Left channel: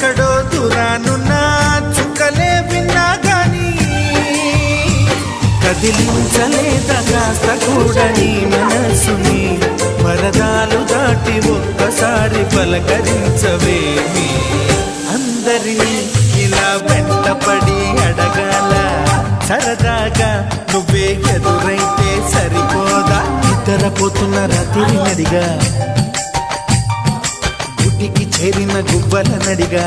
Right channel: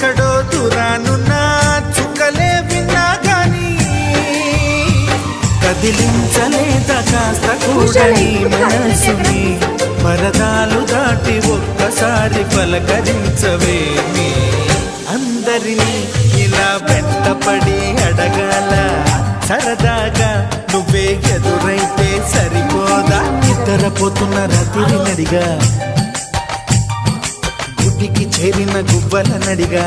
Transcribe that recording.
ఎక్కడో దూరానున్న చుక్కలే విన్నా గాని కదిలించలేదా కాస్త కూడా నీ మనసుని పరదాలు దాటి ఒక్కసారి పలకరించవేమి అందరినీ ఇలా వెంటపడి అడగాల సరదాగా నువ్వే ఎదురైతే సరిపోదా నిద్రపోతున్న రాత్రి నడిగా గుడికి చేరిన గువ్వల నడిగా